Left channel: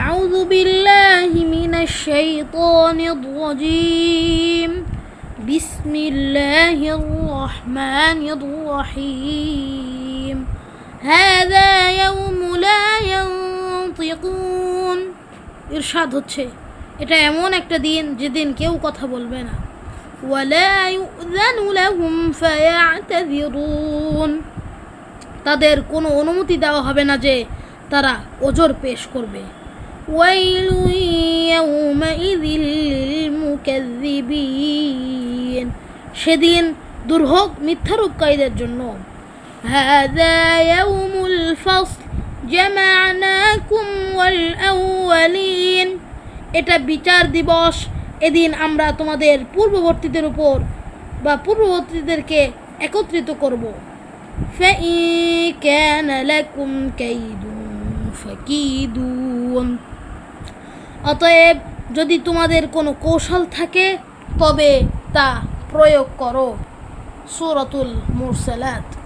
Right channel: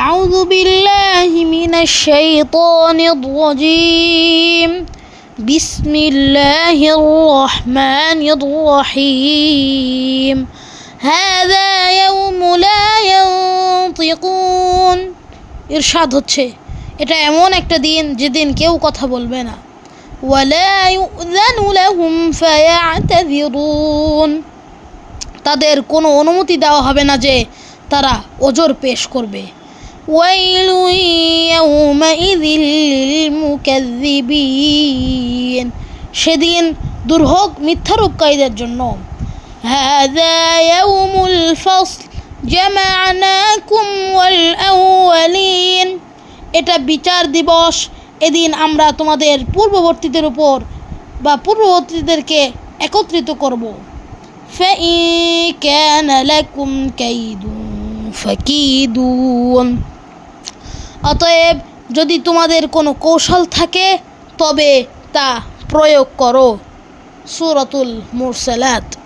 أعوذ بالله من الشيطان الرجيم بسم الله الرحمن الرحيم هذا يوم لا ينطقون ইরশাদ হচ্ছে এটা এমন একটা দিন যেদিন কেউ কথা বলবে না ولا يؤذن لهم فيعتذرون তাদের কোনো অনুমতি দেওয়া হবে না যে তারা ওজর পেশ করবে ويل يومئذ للمكذبين সেদিন দুর্ভোগ মিথ্যারূপকারীদের জন্য هذا يوم الفصل جمعناكم والأولين এটা বিচার দিবস এদিন আমরা তোমাদের পূর্ববর্তীদের উপর বা পূর্ববর্তীদেরকে একত্রিত করব فإن كان لكم كيد فكيدون অতএব যদি তোমাদের কোনো কৌশল থাকে তবে তা প্রয়োগ করো সূরাতুল মুরসালাত।